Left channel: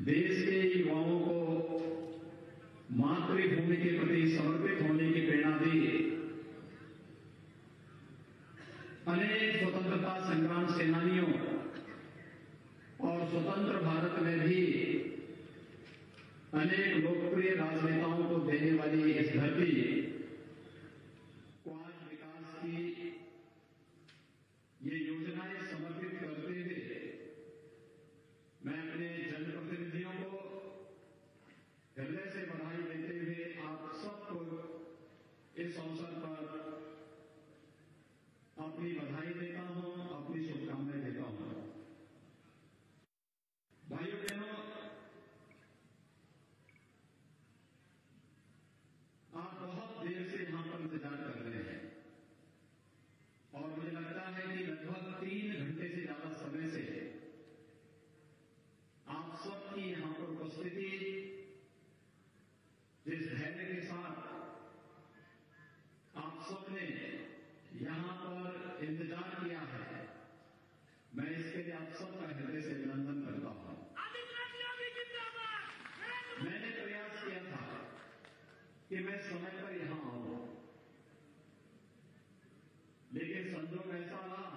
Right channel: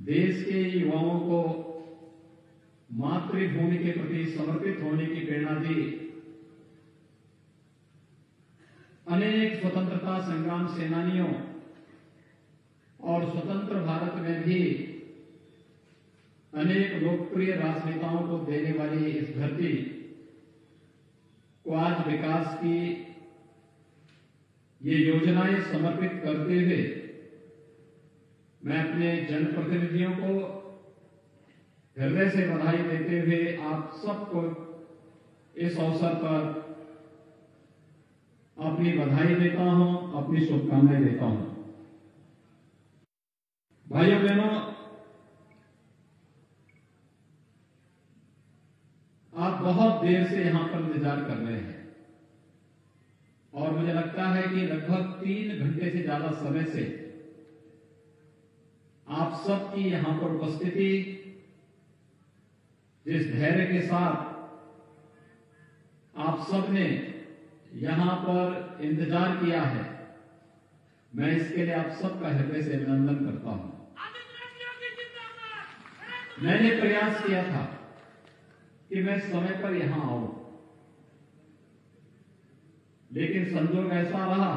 देश के युवाओं को मातृभूमि के प्रति समर्पित होने की प्रेरणा दी। अनेक स्वतंत्रता संग्राम सेनानियों और स्वतंत्र भारत में भी अनेक लोकप्रिय राजनेताओं को देने वाली इस धरती को आज विकास की ये योजनाएं समर्पित करते हुए मैं अपने जनप्रतिनिधियों को हृदय से बधाई देते हुए आप सबको इस अवसर पर अपनी बधाई देता हूं, अपनी शुभकामनाएं देता हूं। भाइयों बहनों, आप बहुत देर से यहां पर इंतजार कर रहे हैं और मुझे लगता है कि लगभग 3 घंटे से ज्यादा समय से आप सबकी यहां पर उपस्थिति, जिस धैर्य के साथ आप सबने यहां पर इंतजार किया है, मैं इसके लिए आप सबका हृदय से अभिनंदन करता हूं। मैंने प्रयास किया था कि मैं समय पर यहां आऊं, लेकिन संजोग ऐसा रहा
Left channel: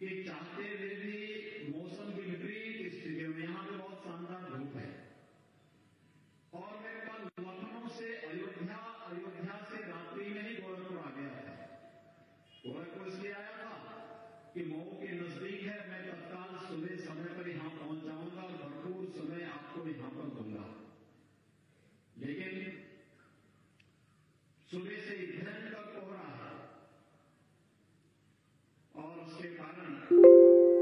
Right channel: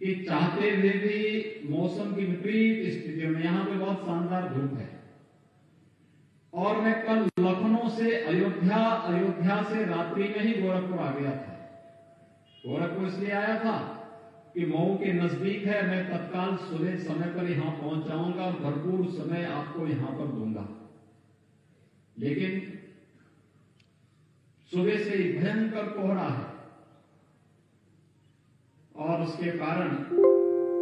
कि चाहते हुए भी मौसम की विपरीत स्थितियों में, यहां पे बहुत शानदार धूप है और मैं कल लखनऊ से अयोध्या से रात्रि में ही गोरखपुर आ गया था। गोरखपुर इसलिए आया था कि मऊ के नजदीक है, मैं तत्काल सुबह समय पर यहां पहुंच जाऊंगा और भरपूर समय आपको यहां पर दूंगा। लेकिन सुबह से ही भयंकर कोहरा है और उसके कारण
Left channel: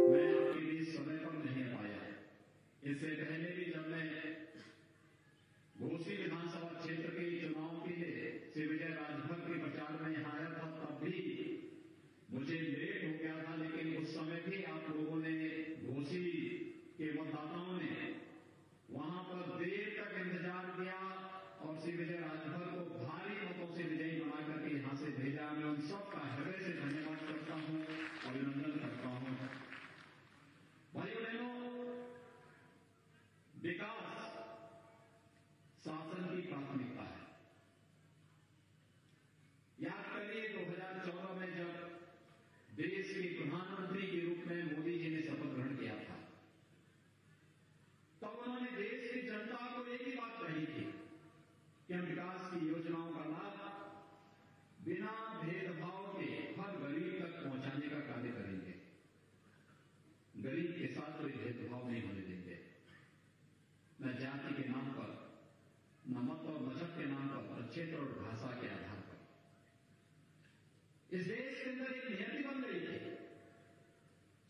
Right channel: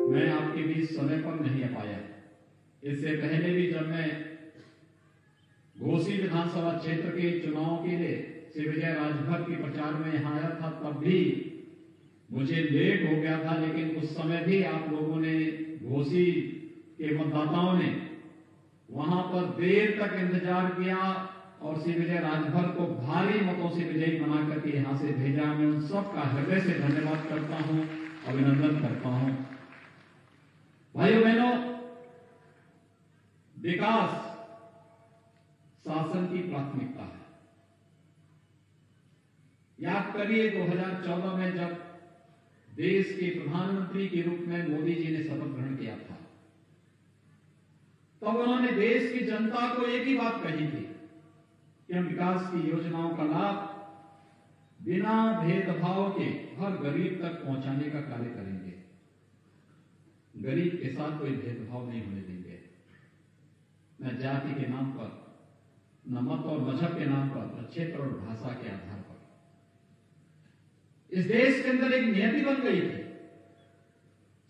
मैं आपके बीच समय पर नहीं आ पाया। इससे पहले भी जब मैं घोसी विधानसभा क्षेत्र के चुनाव के लिए श्री विजय राजभर के प्रचार में यहां आया था, तब भी मुझे लेट हो गया था, लेकिन उस समय भी आप लोगों ने, घोसी के मतदाताओं ने वहां पर देर तक इंतजार किया और श्री विजय राजभर को भारी मतों से विजयी बना करके यहां से भेजा। मैं उन सबका हृदय से धन्यवाद करता हूं, अभिनंदन करता हूं। भाइयों बहनों, विकास शासन की प्राथमिकता है। याद करिए 2014 में जब देश के प्रधानमंत्री के रूप में मोदी जी ने शपथ ग्रहण किया था, तब उन्होंने देश की जनता को एक ही बात कही थी कि हम विकास की योजनाओं का लाभ बिना भेदभाव के हर गरीब तक पहुंचाने का कार्य करेंगे। गरीब के साथ कोई भेदभाव नहीं होने देंगे, न जाति के नाम पर, न मत और मजहब के नाम पर, न क्षेत्र और भाषा के आधार पर। इस देश के अंदर एक नियति बन गई थी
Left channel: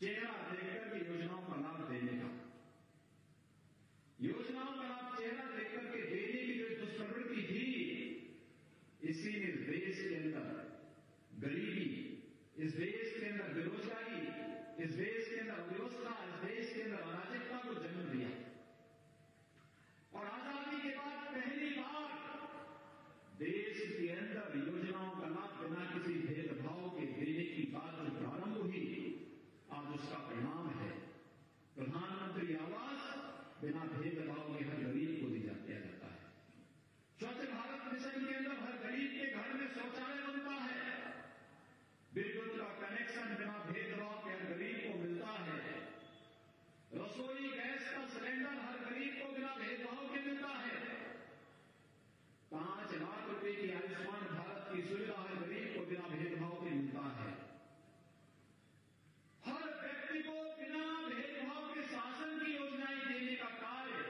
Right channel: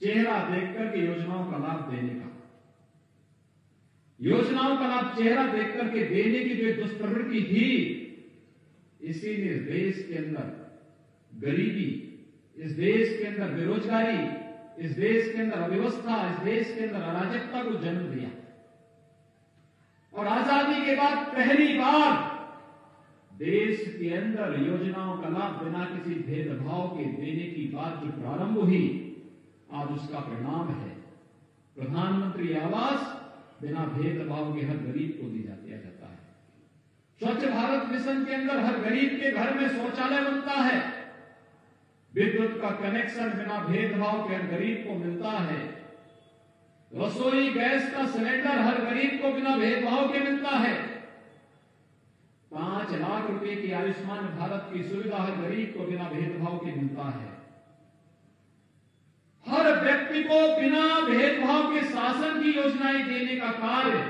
चेहरा देखकर के योजनाओं का लाभ देने का। योजनाओं का लाभ चेहरा देखकर के देने की जो दुष्प्रवृत्ति थी, इसीलिए इस देश के अंदर गरीबी, इस देश के अंदर बेरोजगारी, इस देश के अंदर अव्यवस्था, इस देश के अंदर अराजकता को जन्म दिया। और आजादी के बाद पहली बार देश के अंदर योजनाओं का लाभ बिना किसी भेदभाव के देने की बात जो प्रारंभ हुई, आज उसका परिणाम है प्रधानमंत्री आवास बिना भेदभाव के हर गरीब को दिया जाता है। स्वच्छ भारत मिशन के अंदर हर गरीब के घर में शौचालय बनता है, विद्युत का कनेक्शन बिना भेदभाव के हर गरीब को मिलता है, रसोई गैस का सिलेंडर हर गरीब को बिना भेदभाव के मिलता है, 5 लाख रुपए की आयुष्मान भारत की सुविधा हर गरीब को बिना भेदभाव के मिलता है। हर व्यक्ति को बिना भेदभाव के शासन की योजनाएं देने का कार्य,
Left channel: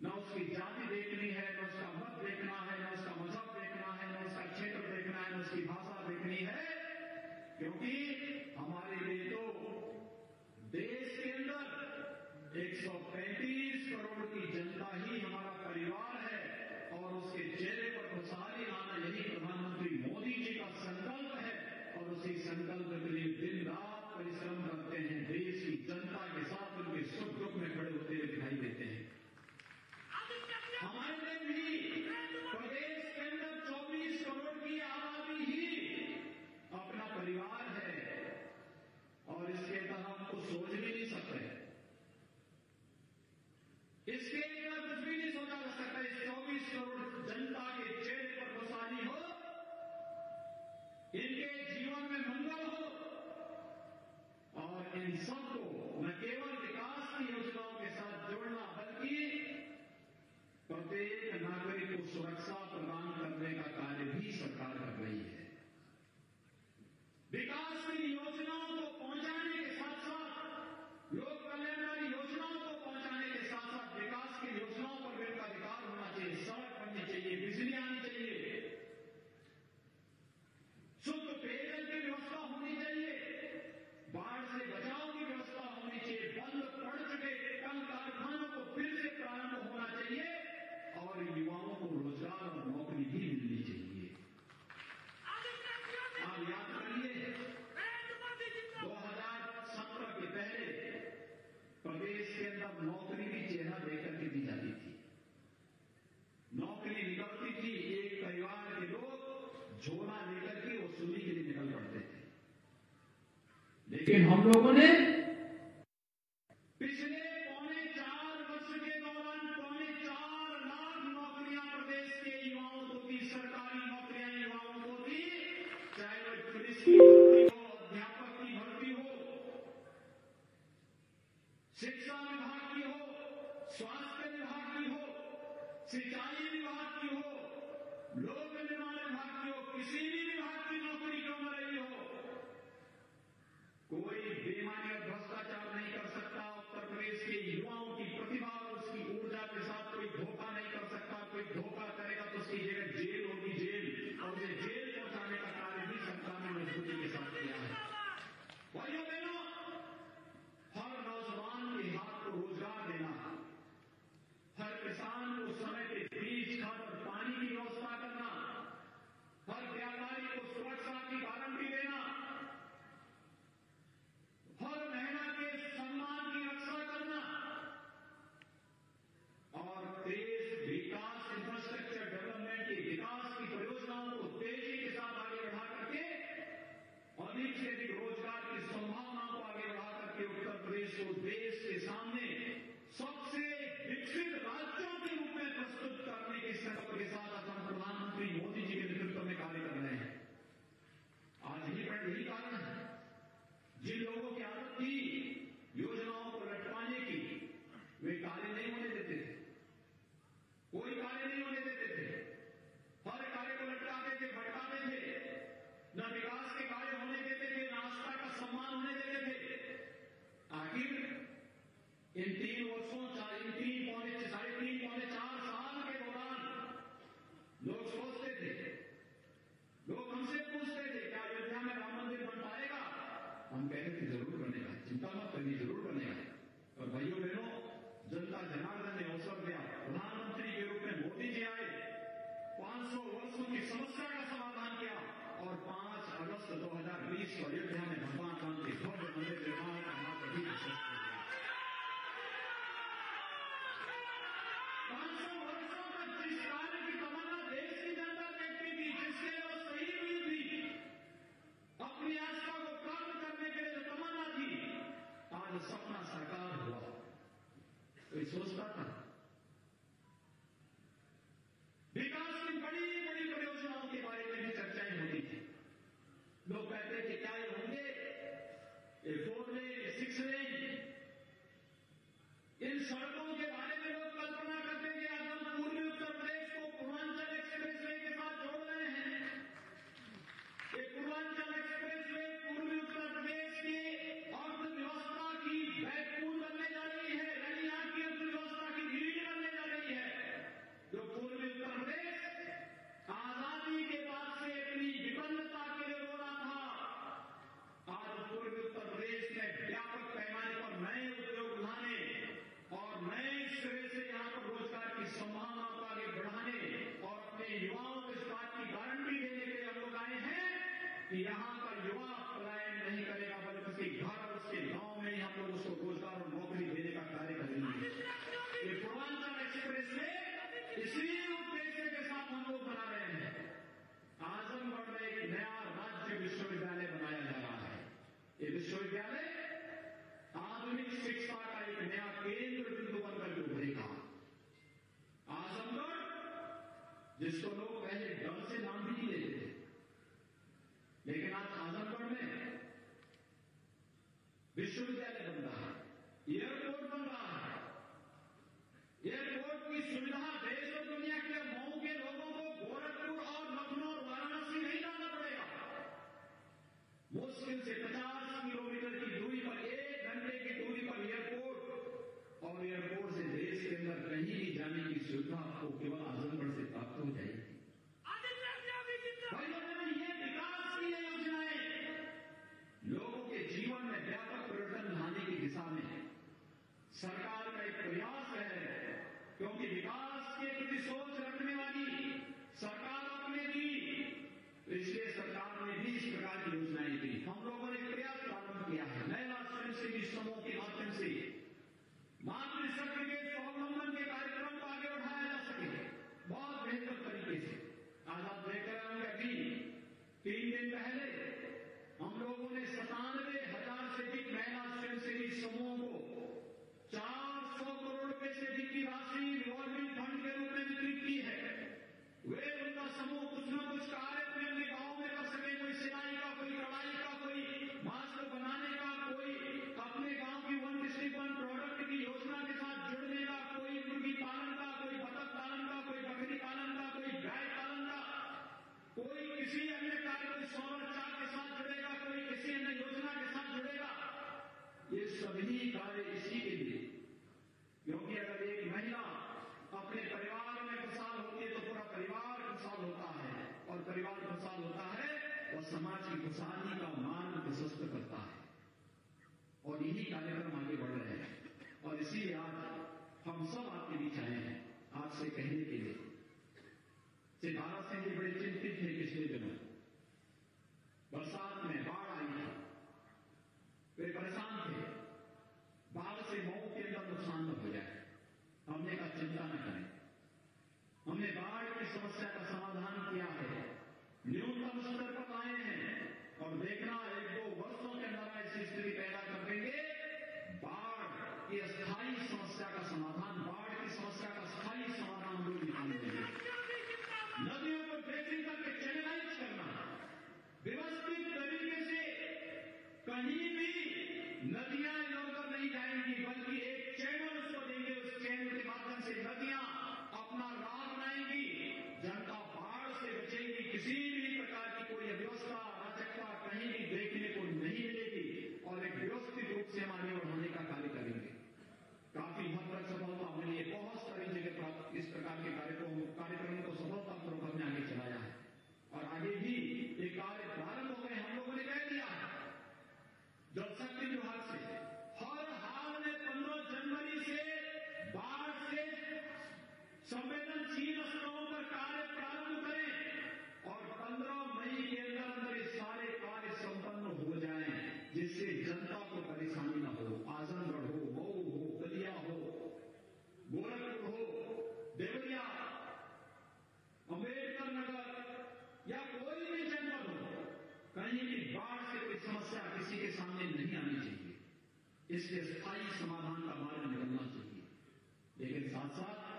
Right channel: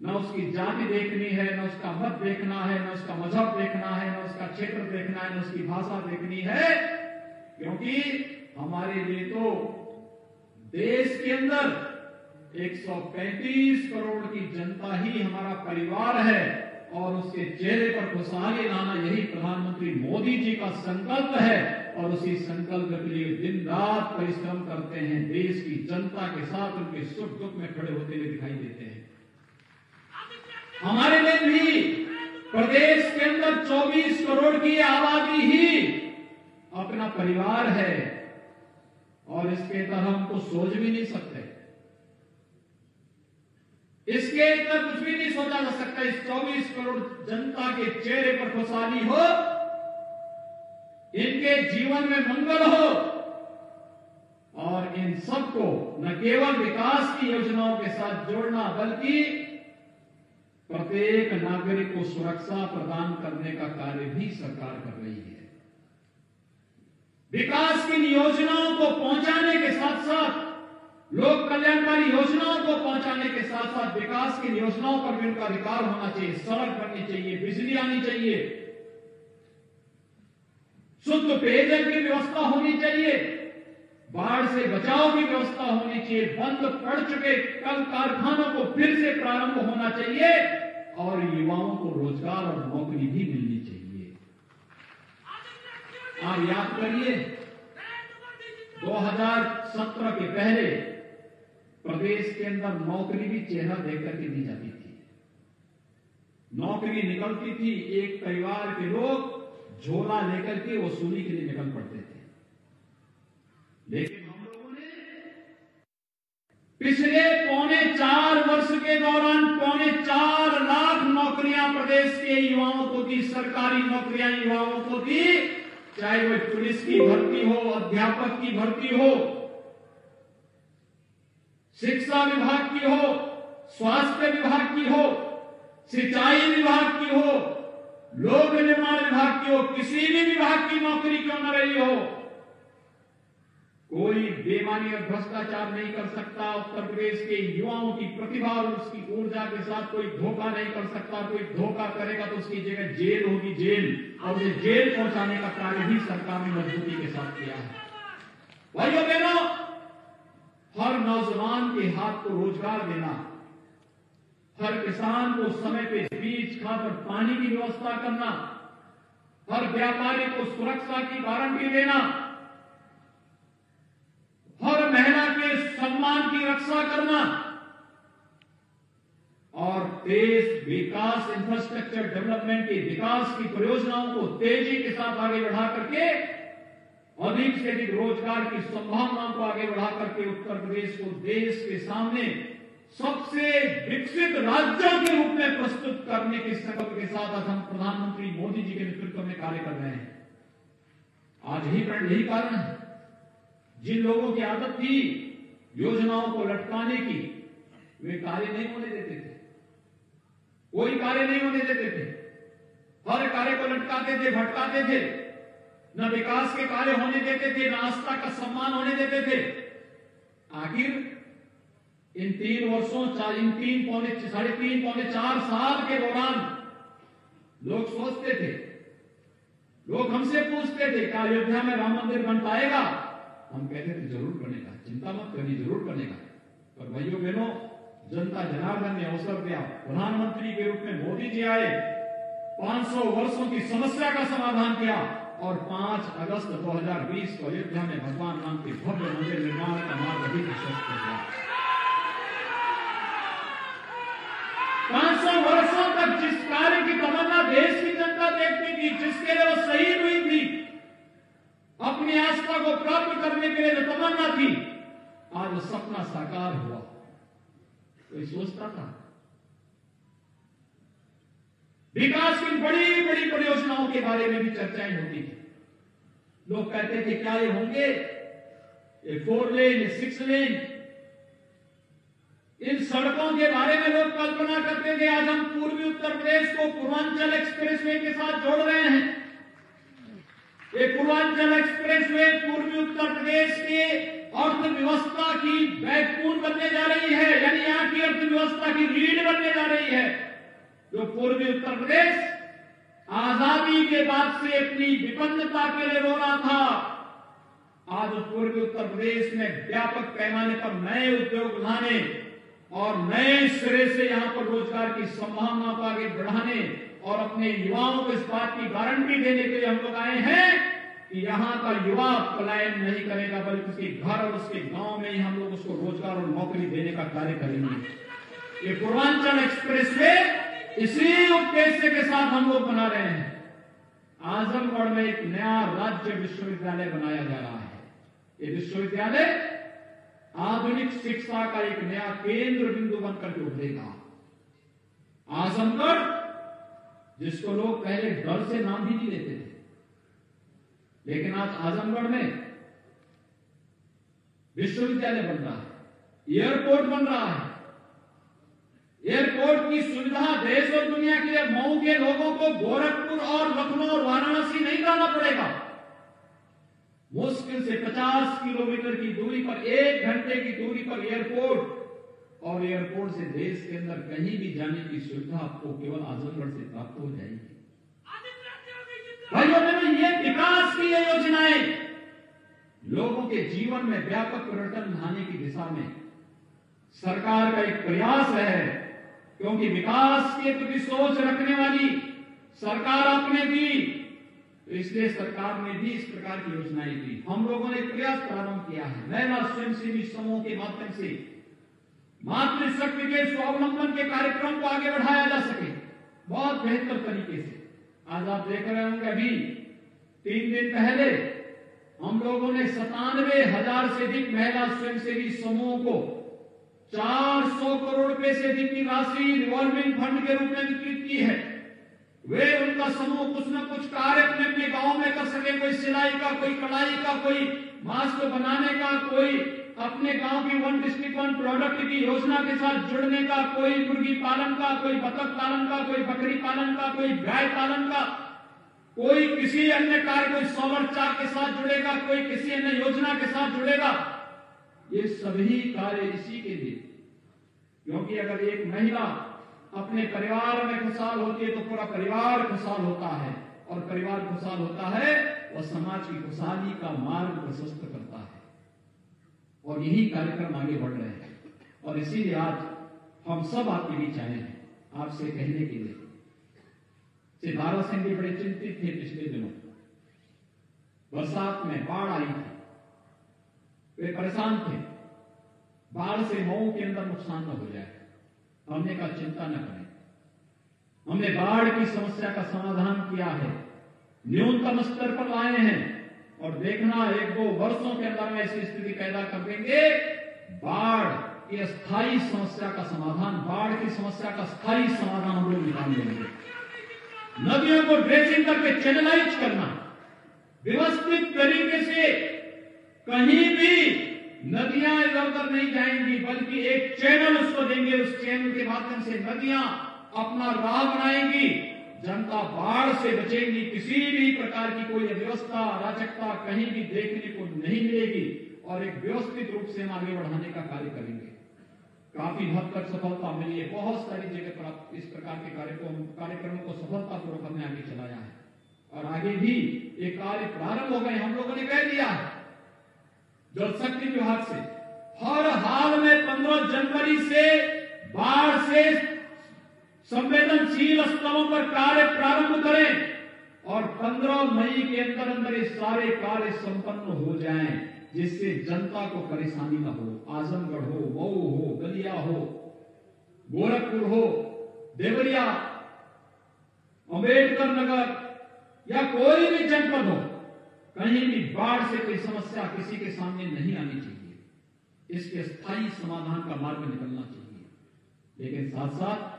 न उसकी जाति देखनी है, न उसका मत देखना है, न उसका मजहब देखना है, न उसका क्षेत्र देखना है, न उसकी भाषा देखनी है, क्योंकि हमारे लिए तो देश के अंदर 135 करोड़ की जनता ही हमारा परिवार है और उसके चेहरे पर खुशहाली लाना यही प्रधानमंत्री मोदी जी का संकल्प है और उसी संकल्प के लिए दिन रात परिश्रम करते हैं। देश की जनता के साथ उनके सुख दुख में खड़े होते हुए दिखाई देते हैं। हमारे लिए भी प्रदेश के अंदर 24 करोड़ की आबादी ही अपना परिवार है और इसके तरह हम तो सोच भी नहीं सकते। इसके इतना कुछ भी नहीं सोचा जा सकता। इस 24 करोड़ जनता के चेहरे पर खुशहाली हो, इनके जीवन में मंगल हो, और इन सबको न केवल विकास की योजनाओं के साथ जोड़ना, बल्कि प्रत्येक नागरिक को सुरक्षा प्रदान करने का कार्य भी सरकार कर रही है। विकास की योजनाओं को पहुंचाने के साथ साथ, लोक कल्याणकारी योजनाओं को पहुंचाने के साथ साथ विकास की योजनाओं पर भी उनका अधिकार होना चाहिए। सड़क बननी चाहिए, बिजली आनी चाहिए, शुद्ध पेयजल की व्यवस्था होनी चाहिए, बाढ़ से बचाव की व्यवस्था होनी चाहिए, बंद पड़ चुके कल कारखानों को फिर से प्रारंभ होना चाहिए, और युवाओं को रोजगार और नौकरी भी मिलनी चाहिए। आप याद करिए, 2017 के पहले प्रदेश के अंदर नौकरी भी चेहरा देखकर के दी जाती थी। नौकरी निकलती थी, एक परिवार के लोग झोला लेकर के वसूली के लिए निकल पड़ते थे। लेकिन हम लोगों ने पिछले 4.25 वर्ष के दौरान 4.25 लाख नौकरियां प्रदेश के युवाओं को दी, सरकारी नौकरियां युवाओं को दी, चाहे वो पुलिस की भर्ती हो, अध्यापक की भर्ती हो, शिक्षा विभाग की हो, स्वास्थ्य विभाग की हो, सिंचाई विभाग की हो, लोक निर्माण विभाग की हो, किसी भी विभाग की नौकरी क्यों न रही हो, कोई बेईमानी और भ्रष्टाचार नहीं कर सकता। उत्तर प्रदेश के युवाओं की प्रतिभा और उसकी ऊर्जा के साथ कोई धोखा नहीं कर सकता। कोई धोखा करेगा तो उसकी जगह जेल होगी, जेल, और उसे जेल पहुंचाने का कार्य भी सरकार ने मजबूती के साथ किया है। भाइयों बहनों, हर नौजवान के हाथ को रोजगार देना, हर किसान को समय पे बीज, खाद और पानी की व्यवस्था करना, हर व्यापारी को सुरक्षा की गारंटी देना, हर महिला के सम्मान की रक्षा करना, और देश विकास, इंफ्रास्ट्रक्चर डेवलपमेंट के विकास की परियोजनाओं को तेजी के साथ आगे बढ़ा करके अधिक से अधिक रोजगार की संभावनाओं को आगे बढ़ा करके उत्तर प्रदेश को देश के सामने सबसे विकसित राज्यों के रूप में प्रस्तुत करने के संकल्प के साथ आज हम प्रधानमंत्री मोदी जी के नेतृत्व में कार्य कर रहे हैं। आज यही कारण है, जिन लोगों की आदत थी योजनाओं को लटकाने की, वे कार्य नहीं होने देते थे, कोई कार्य नहीं होने देते थे, हर कार्य को लटकाते थे, भटकाते थे, न विकास के कार्य होने देते थे, न आस्था का सम्मान होने देते थे। आखिर इन 3 वर्षों, इन 3.5-4 साल के दौरान लोग सोचते थे, लोग हमसे पूछते थे, क्या अयोध्या में राम मंदिर बन पाएगा? हम कहते थे जरूर बनेगा, चिंता मत करिए, जरूर बनेगा। पर भाइयों बहनों, जनता जनार्दन ने अवसर दिया, प्रधानमंत्री के रूप में मोदी जी आए, 500 वर्षों की समस्या का समाधान किया, और 5 अगस्त 2020 को अयोध्या में भगवान राम के भव्य मंदिर निर्माण का मार्ग अभी प्रशस्त कर दिया। 500 वर्षों तक जिस कार्य की तमन्ना देश की जनता देखती थी, जिसके लिए वो शहीद हुई थी, अपनी आस्था को प्राप्त करने के लिए जो तमन्ना थी, आज वो सपना साकार हुआ। कोई सोचता था? विकास की बड़ी बड़ी परियोजनाओं के बारे में भी चर्चाएं होती थी। लोग कहते थे क्या ये होंगे, ये 4 लेन, 6 लेन, इन सड़कों के बारे में लोग कल्पना करते थे। आज हम पूर्वी उत्तर प्रदेश को पूर्वांचल एक्सप्रेसवे के साथ जोड़ रहे हैं। ये पूर्वांचल एक्सप्रेसवे पूर्वी उत्तर प्रदेश के अर्थव्यवस्था की बैकबोन बनने जा रही है, यानी यहां की अर्थव्यवस्था की रीढ़ बनने जा रही है। जो पूर्वी उत्तर प्रदेश आजादी के बाद से अपनी विपन्नता के लिए रो रहा था, आज पूर्वी उत्तर प्रदेश में व्यापक पैमाने पर नए उद्योग लाने और नए सिरे से यहां पर रोजगार की संभावना को आगे बढ़ाने और अपने युवाओं को इस बात की गारंटी देने के लिए हम लोग आए हैं कि यहां का युवा पलायन नहीं करेगा, बल्कि उसके घर और उसके गांव में ही हम लोग उसको रोजगार और नौकरी देने का कार्य करेंगे। ये पूर्वांचल एक्सप्रेसवे इसी उद्देश्य के साथ हम लोग बना रहे हैं। आजमगढ़ में एक नया राज्य विश्वविद्यालय बनाया जा रहा है। ये विश्वविद्यालय आधुनिक शिक्षा का एक नया केंद्र बिंदु बनकर के उभरेगा। आजमगढ़, जिसको लोग पहले डर से नाम भी नहीं लेते थे, लेकिन आज आजमगढ़ में विश्वविद्यालय बन रहा है, एयरपोर्ट बन रहा है। एयरपोर्ट की सुविधा देश और दुनिया के लिए मऊ के लोगों को गोरखपुर और लखनऊ और वाराणसी नहीं जाना पड़ेगा। मुश्किल से 50 किलोमीटर की दूरी पर, 1 घंटे की दूरी पर एयरपोर्ट, और एयरपोर्ट से देश के अंदर कहीं भी जाने की सुविधा आपको केवल आजमगढ़ से प्राप्त हो जाएगी। भाइयों बहनों, ये विकास की ये योजनाएं लोगों के जीवन में व्यापक परिवर्तन लाने की दिशा में सरकार का एक प्रयास है, क्योंकि विकास के प्रति सोच रखने वाली सरकार आपने दी, तो इसलिए सरकार ने भी इस प्रकार की योजनाएं दी। हम लोगों ने प्रयास प्रारंभ किया है, महिला स्वयंसेवी समूह के माध्यम से मातृशक्ति के स्वावलंबन के कार्यक्रम को आगे बढ़ाया जा सके बहुत बेहतर तरीके से। आज आप देख रहे होंगे, अभी 3 दिन पहले हम लोगों ने 97,000 से अधिक महिला स्वयंसेवी समूह को 400 करोड़ रुपए से अधिक की राशि रिवॉल्विंग फंड के रूप में वितरित की है। वे उनका समूह कुछ न कुछ कार्य अपने गांव में कर सके, कोई सिलाई का, कोई कढ़ाई का, कोई मास्क बनाने का, कोई अपने गांव की 1 डिस्ट्रिक्ट 1 प्रोडक्ट की योजना के साथ जुड़ने का, कोई मुर्गी पालन का, कोई बतख पालन का, कोई बकरी पालन का, कोई गाय पालन का, कोई किसी अन्य कार्य, कोई सोलर चार्ज के साथ जुड़ेगा, कोई किसी अन्य योजना के साथ जुड़ेगा। ये सभी कार्य इसी के लिए, क्योंकि अगर एक महिला अपने परिवार में खुशहाल होती है तो पूरा परिवार खुशहाल होता है, और परिवार खुशहाल होता है और समाज की खुशहाली का मार्ग प्रशस्त करता है। और यही कार्यक्रम आगे बढ़ रहे हैं, और इसीलिए आज हम सब आपके बीच आए हैं आपसे कहने के लिए। सिद्धार्थ सिंह भी बड़े चिंतित थे पिछले दिनों, बरसात में बाढ़ आई थी, वे परेशान थे, बाढ़ से मऊ के अंदर नुकसान न हो जाए। हमने कहा चिंता न करें, हमने बाढ़ की समस्या का समाधान किया है, न्यूनतम स्तर पर लाए हैं, और देखना 1-2 वर्षों के अंदर में ऐसी स्थिति पैदा कर देंगे, बाढ़ की स्थायी समस्या का समाधान, बाढ़ की समस्या का स्थायी समाधान हम लोग निकाल देंगे। नदियों को ड्रेसिंग करके चैनलाइज करना, व्यवस्थित तरीके से कहीं भी नदियां इधर उधर नहीं जाएंगी, बल्कि एक चैनल उसको देंगे, उस चैनल के माध्यम से नदियां अपना राह बनाएंगी, जनता बाढ़ से बचेगी, किसी भी प्रकार की कोई अव्यवस्था, अराजकता कहीं भी देखने को नहीं मिलेगी, और एक व्यवस्थित रूप से हम आगे बढ़ाने का कार्य करेंगे। काफी हद तक सफलता मिली है, बहुत सारी जगह पर इस प्रकार के कार्यक्रमों को सफलतापूर्वक हमने आगे चलाया है, और आगे भी ये कार्य प्रारंभ हो गए। हम लोगों ने कह दिया जल शक्ति विभाग से हर हाल में 15 जनवरी से बाढ़ से संवेदनशील स्थलों पर कार्य प्रारंभ करें, और 15 मई के अंदर अंदर ये सारे कार्य संपन्न हो जाएं, जिससे जनता को परेशानी न हो। आजमगढ़ हो, मऊ हो, बलिया हो, गोरखपुर हो, देवरिया, अम्बेडकर नगर या कोई भी जनपद हो, कहीं भी बाढ़ से कोई समस्या किसी के सामने नहीं आनी चाहिए। इसके स्थायी समाधान का मार्ग निकलना चाहिए। लेकिन साथ साथ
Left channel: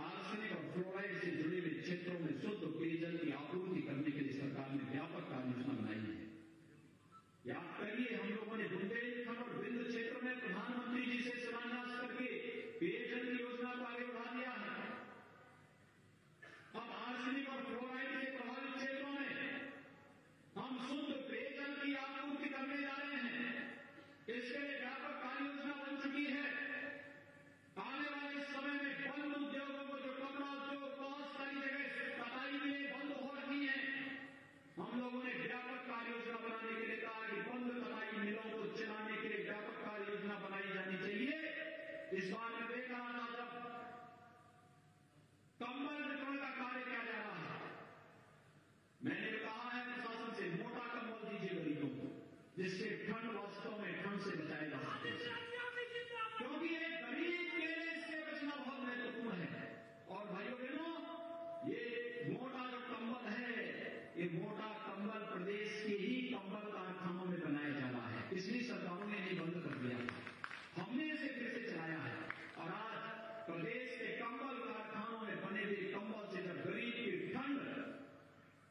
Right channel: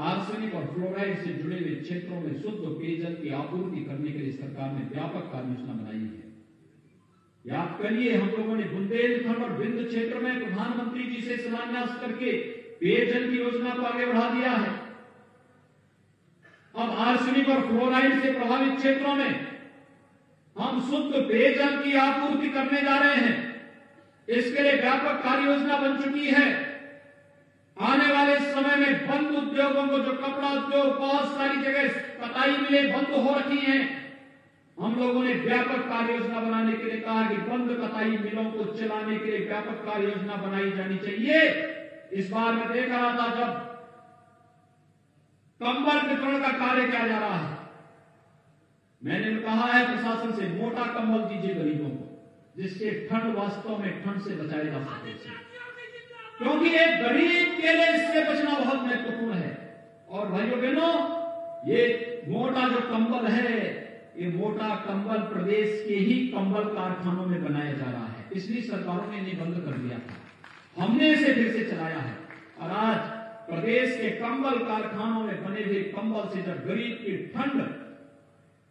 आर्सेनिक और फ्लोराइड से जुड़े हुए क्षेत्रों में शुद्ध पेयजल की आपूर्ति करने के लिए सरकार ने व्यापक कार्य योजना बनाई है। याद करिए, हम लोगों ने बुंदेलखंड और विंध्य क्षेत्र में प्रधानमंत्री जी से शिलान्यास करके पेयजल की योजना को आगे बढ़ा दिया है। अब आर्सेनिक और फ्लोराइड से प्रभावित क्षेत्रों में हम शुद्ध पेयजल की आपूर्ति करने जा रहे हैं। इसके लिए व्यापक कार्य योजना बन चुकी है। आने वाले समय में बंद उद्योगों को, जो कपड़ा उद्योग बहुत सारी जगह कताई मिलें बंद हो रखी हैं, हम लोगों ने व्यापक कार्य योजना बनाने के लिए कहा कि बंद कताई मिलों को चलाने के लिए व्यापक कार्य योजना बनाई जानी चाहिए। इस बार मैं देख रहा था जब कंबल वितरण का कार्य किया जा रहा है, मैंने कहा है प्रशासन से मोटा कंबल दीजिए गरीबों को, जिससे ठंड वास्तव में ठंड से बचाया जा सके, क्योंकि एक गरीब के लिए इससे बचना बहुत महत्वपूर्ण है। और भाइयों बहनों, ये मोटा जो कंबल है, ये मोटा कंबल प्रदेश के ही कंबल कारखानों में बनाया जा रहा है। इसलिए सरकारों ने इन्हें बंद कर दिया था, हमने इसे फिर से चलाया है। और आज प्रदेश के कंबल कारखानों में बने हुए कंबल से जब गरीब की ठंड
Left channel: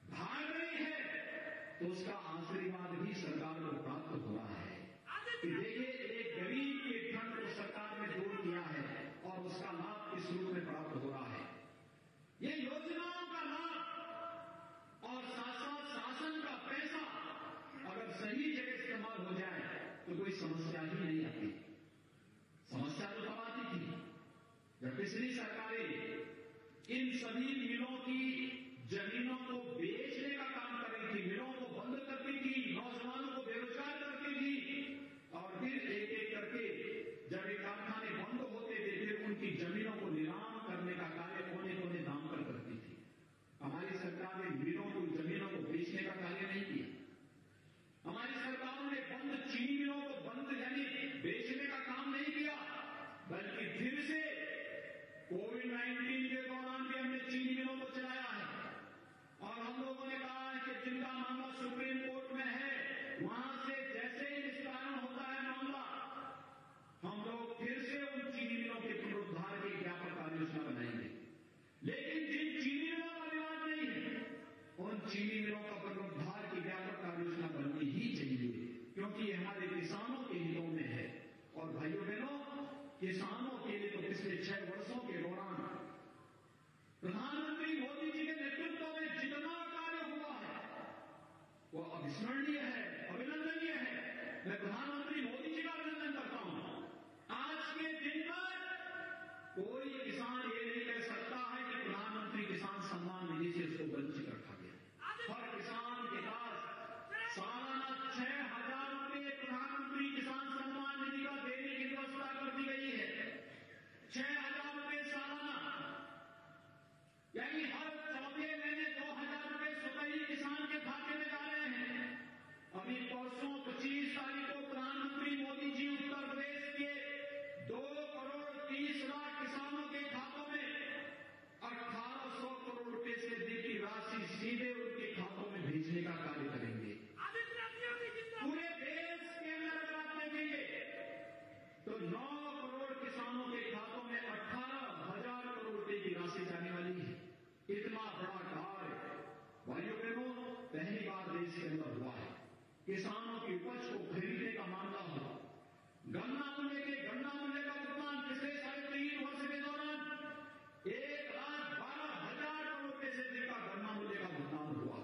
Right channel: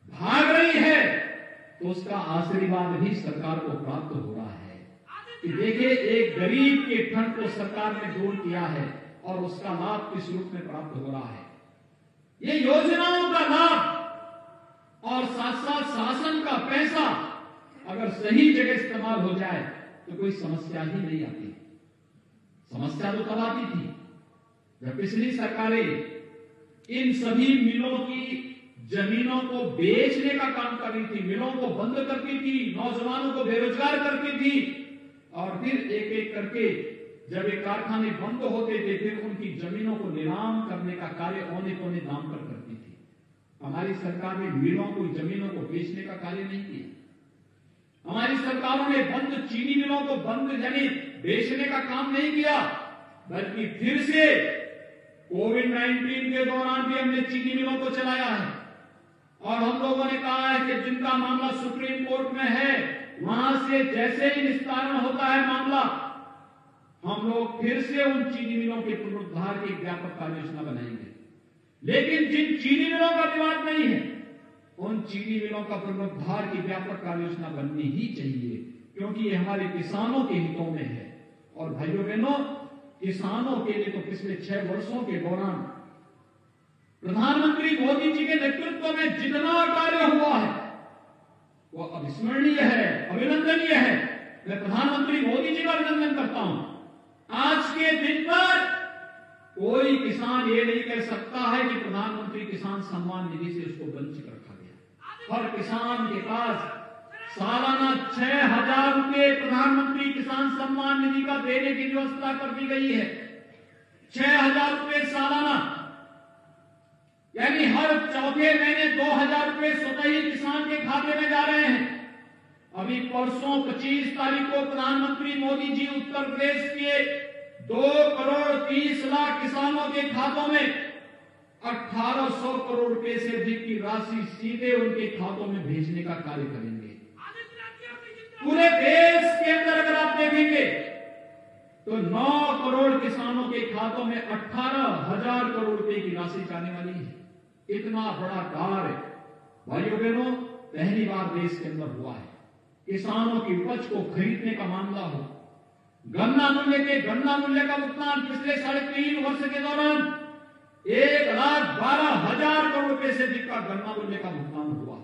भाग रही है तो उसका आशीर्वाद भी सरकार को प्राप्त हो रहा है कि देखिए एक गरीब के ठंड को सरकार ने दूर किया है और उसका लाभ किस रूप में प्राप्त हो रहा है। ये योजनाओं का लाभ और साथ साथ शासन का पैसा अगर सही जगह इस्तेमाल हो जाए तो कोई समस्या ही नहीं आती। समस्या तो तब आती थी जब पिछली सरकारें इन सभी मिलों की जमीनों को बेचने का काम कर रही थी, मिलों को बंद करती थी, नौजवानों को बेरोजगार करती थी और फिर एक एक करके जब ये कारखाने बंद होते थे फिर उनकी जमीनों को नीलाम करने का कार्य औने पौने दाम पर करती थी। हमारी सरकार ने मिलों को जमीनों को बेचने का कार्य नहीं किया। हमारी सरकारों ने बंद चीनी मिलों को बंद यानी बेचने का काम नहीं किया, बल्कि फिर से कोविड-19 के दौरान भी हमने चीनी मिलों को चलाया है और हम लोगों ने कहा है कि जिनका मामला सुप्रीम कोर्ट में है वहां से जैसे ही निस्तारण होता है मामला, हम लोग फिर से उन चीनी मिलों के पुनरुद्धार की व्यापक कार्य योजना बनाएंगे। लेकिन जिन चीनी मिलों का विवाद नहीं है उन चीनी मिलों का पुनरुद्धार की व्यापक कार्य योजना बननी ही चाहिए, क्योंकि ये हमारे किसानों के हितों में है। और भाइयों बहनों, किसानों के लिए तो पिछले 6 वर्षों के दौरान प्रधानमंत्री मोदी जी के नेतृत्व में जितना कार्य हुआ है वो अविस्मरणीय है, अभिनंदनीय है। मैं प्रधानमंत्री मोदी जी का अभिनंदन करता हूं। आज के दिन पर कोई किसान ये नहीं कह सकता है कि प्रधानमंत्री किसान सम्मान निधि से उसको वंचित रखा गया। हर किसान के पास सालाना 6,000 रुपए प्रधानमंत्री किसान सम्मान निधि का देने की व्यवस्था कर दी गई है। 6,000 रुपए सालाना, यानी हर चौथे महीने 2,000 रुपए स्वतः ही किसान के खाते में जा रहे हैं। अभी परसों 25 तारीख को प्रधानमंत्री मोदी जी उत्तर प्रदेश के 2,30,00,000 किसानों के खातों में 1,800 करोड़ रुपए से अधिक की राशि सीधे उनके खातों में भेजने का कार्य करेंगे। पूरे देश के अंदर अगर आप देखेंगे तो 9 करोड़ किसानों के खातों में 18,000 करोड़ रुपए की राशि जाने वाली है। इतना बड़ा कार्य भाइयों बहनों पहली बार देश के अंदर हुआ है। किसानों की उपज को खरीदने का मामला हो, गन्ना मूल्य का भुगतान पिछले 3.5 वर्ष के दौरान 1,12,000 करोड़ रुपए से अधिक का गन्ना मूल्य का भुगतान हुआ।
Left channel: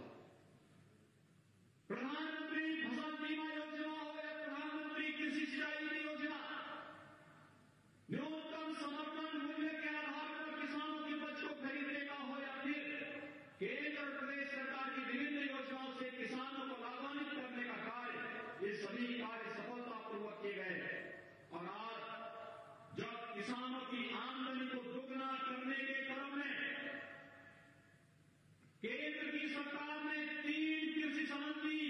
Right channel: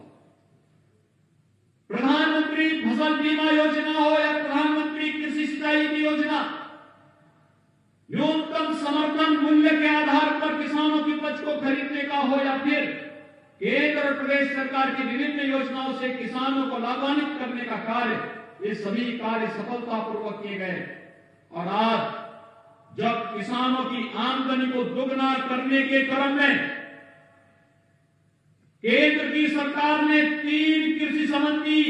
प्रधानमंत्री फसल बीमा योजना हो या प्रधानमंत्री कृषि सिंचाई की योजना, न्यूनतम समर्थन मूल्य के आधार पर किसानों की उपज को खरीदने का हो या फिर केंद्र और प्रदेश सरकार की विभिन्न योजनाओं से किसानों को लाभान्वित करने का कार्य, ये सभी कार्य सफलतापूर्वक किए गए। और आज जब किसानों की आमदनी को दुगना करने के क्रम में केंद्र की सरकार ने 3 कृषि संबंधी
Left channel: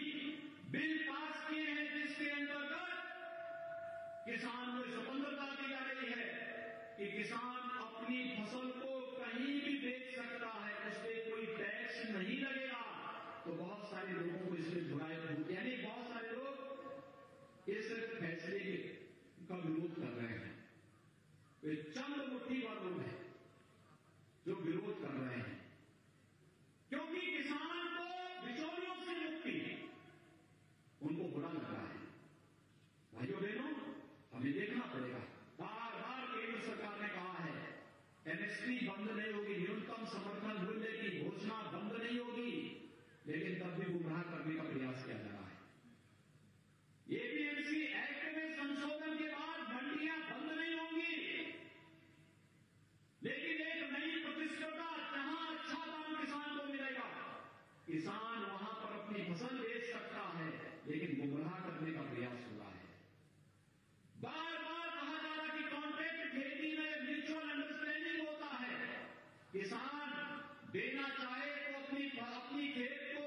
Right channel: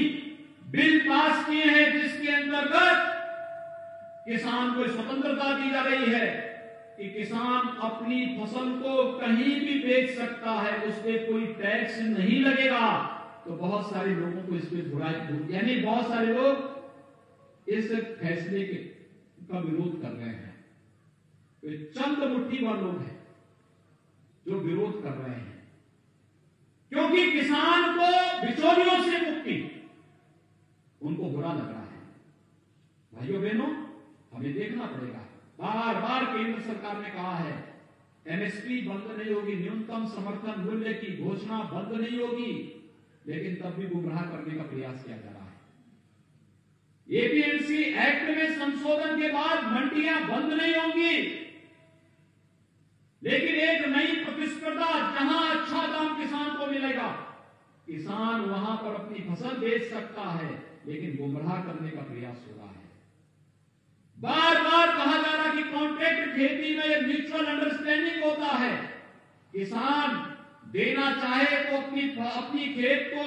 बिल पास किए हैं, जिसके अंतर्गत किसान को स्वतंत्रता दी जा रही है कि किसान अपनी फसल को कहीं भी बेच सकता है, उस पर कोई टैक्स नहीं लगेगा। तो बहुत सारे लोगों को इसमें बुराई, यानी बहुत सारे लोग इस फैसले का विरोध कर रहे हैं। तो चंद मुट्ठी भर लोग हैं जो विरोध कर रहे हैं, क्योंकि किसान को बिचौलियों से मुक्ति उनको बुरा लग रहा है। भाइयों बहनों, हमें देखना पड़ेगा। बार बार केंद्र सरकार ने कहा है एमएसपी बंद नहीं होगी, न्यूनतम समर्थन मूल्य की घोषणा बंद नहीं होगी, लेकिन तब भी गुमराह करने का प्रयास किया जा रहा है। एपीएमसी एक्ट में संशोधन के बाद मंडियां बंद नहीं होंगी, लेकिन एक नई प्रतिस्पर्धा, जहां अच्छा दाम किसान को मिलेगा, किसान वहां पर अपनी फसल बेच सकता है, लेकिन गुमराह करने का प्रयास हो रहा है। बार बार कहा जा रहा कि कॉन्ट्रैक्ट खेती में एक म्यूचुअल अंडरस्टैंडिंग होता है। किसान देना चाहे तो अपनी खेत को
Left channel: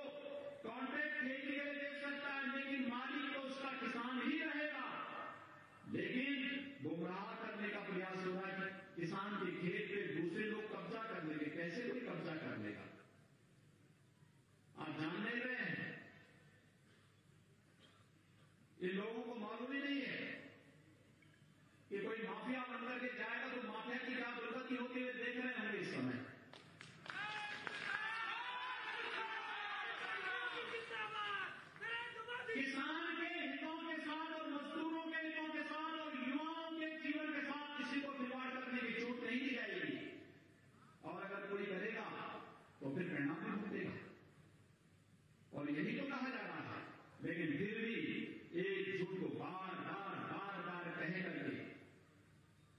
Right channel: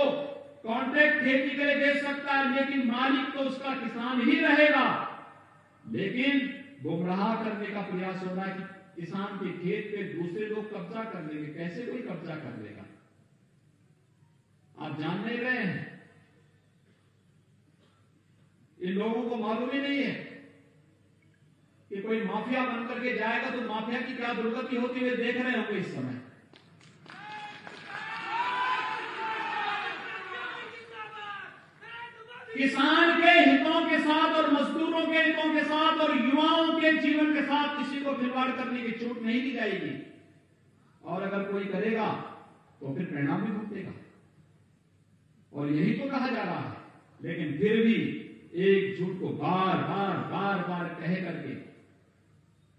कॉन्ट्रैक्ट खेती के लिए दे सकता है, लेकिन मालिक तो उसका किसान ही रहेगा। लेकिन गुमराह करने का प्रयास हो रहा है कि किसान के खेत पे दूसरे लोग कब्जा कर लेंगे। कैसे कोई कब्जा कर लेगा? आप जान नहीं रहे हैं, इन लोगों को मालूम ही नहीं है कि कि कोई माफिया बनकर के जाएगा तो माफिया की क्या दुर्गति होती हुई देख रहे होंगे इस समय। किसान के हितों के साथ और मजदूरों के हितों के साथ और युवाओं के जीवन के साथ किसी को खिलवाड़ करने की छूट नहीं दी जाएगी, और अगर कोई करेगा तो फिर परिणाम भी भुगतेगा। और यही तो कहा जा रहा है, लेकिन फिर भी एक झूठ को बार बार कह करके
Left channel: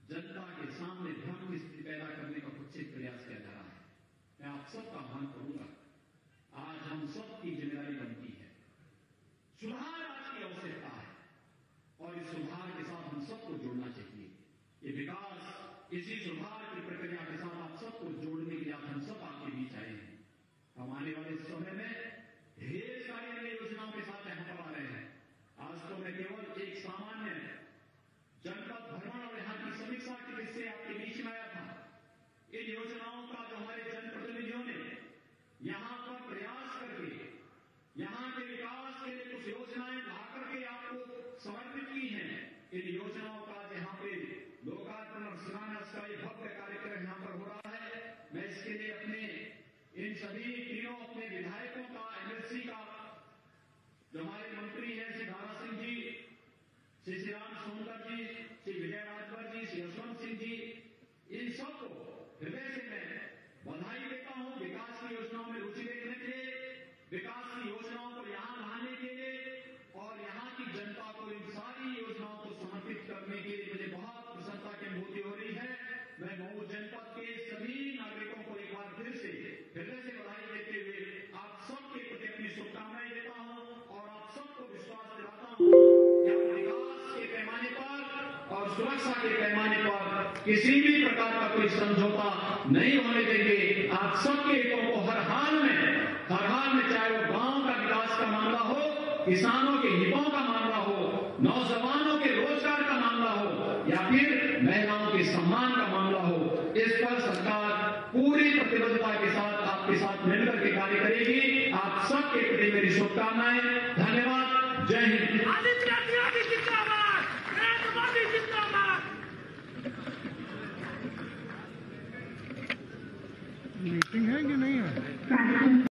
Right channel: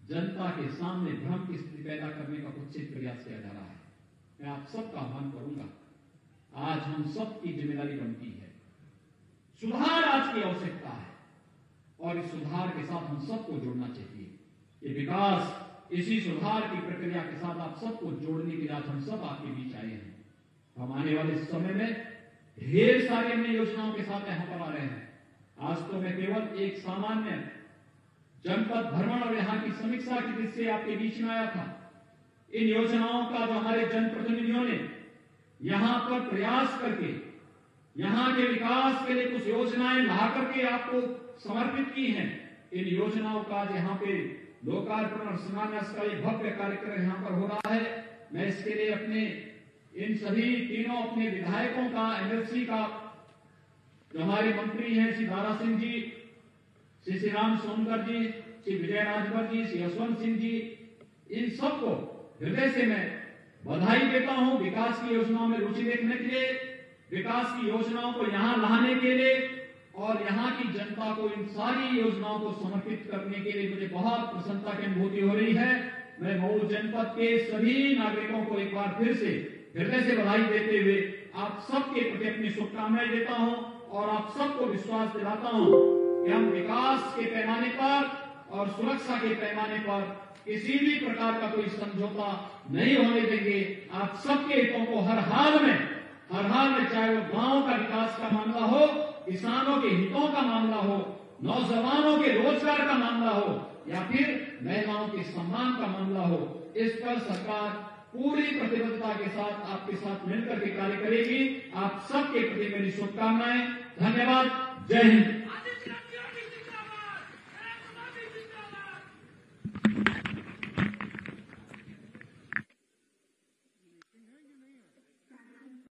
जनता के सामने भ्रम की स्थिति पैदा करने का कुत्सित प्रयास किया जा रहा है। मैं आप सबका आह्वान करूंगा, आज हम सबकी जिम्मेदारी बनती है, सुधार आज की आवश्यकता है, और इस सुधार के साथ हम सबको जोड़ना चाहिए। ये विकास, इसी सुधार की प्रक्रिया के साथ आप सबको जोड़ने के लिए आज हम सब आपके बीच आए हैं। हम आने वाले समय में ढेर सारी अन्य योजनाओं के साथ यहां पर आ रहे हैं। आज तो मैं केवल एक सामान्य जनपद भ्रमण और यहां की समीक्षा की दृष्टि से आपके बीच में आया था। इन योजनाओं का जो हमारे जनप्रतिनिधियों ने यहां पर प्रयास करके यहां के विकास के लिए कुछ योजनाएं ला करके आपको समर्पित की हैं, इन योजनाओं का यहां पे लोकार्पण और शिलान्यास का एक भव्य कार्यक्रम यहां पर हो रहा है। मैं इसके लिए अपने इन सभी तीनों अपने विधायकों का, एमएलसी का, जो हमारे मंत्री हैं श्री दारा सिंह जी, श्री राम सोनकर जी, श्री विजय राजभर जी, श्री यशवंत सिंह जी, इन सबको हृदय से मैं बधाई देता हूं विकास की योजनाओं में रुचि देखने के लिए, विकास की योजनाओं को यहां लाने के लिए, और यहां की जनता को इन सारी योजनाओं को समर्पित करने के लिए मुझे बहुत प्रसन्नता की अनुभूति हो रही है। मैं मऊ जनपद के सभी नागरिकों को एक बार फिर से हृदय से बधाई देते हुए आप सबके प्रति अपनी शुभकामनाएं देता हूं, और आप सबको विश्वास दिलाता हूं कि हम विकास के पैमाने पर और सुरक्षा के पैमाने पर किसी भी प्रकार का कोई समझौता नहीं होने देंगे। आप सबके हितों को हर हाल में, चाहे वो गांव का विकास का मामला हो, किसानों के हितों का मामला हो, नौजवानों के रोजगार का मामला हो, या फिर महिलाओं के सम्मान का मामला हो, इस पर सरकार पूरी प्रतिबद्धता के साथ आपके साथ मिलकर के कार्य करेगी। आप सबके प्रति मेरी शुभकामनाएं। धन्यवाद। जय हिंद।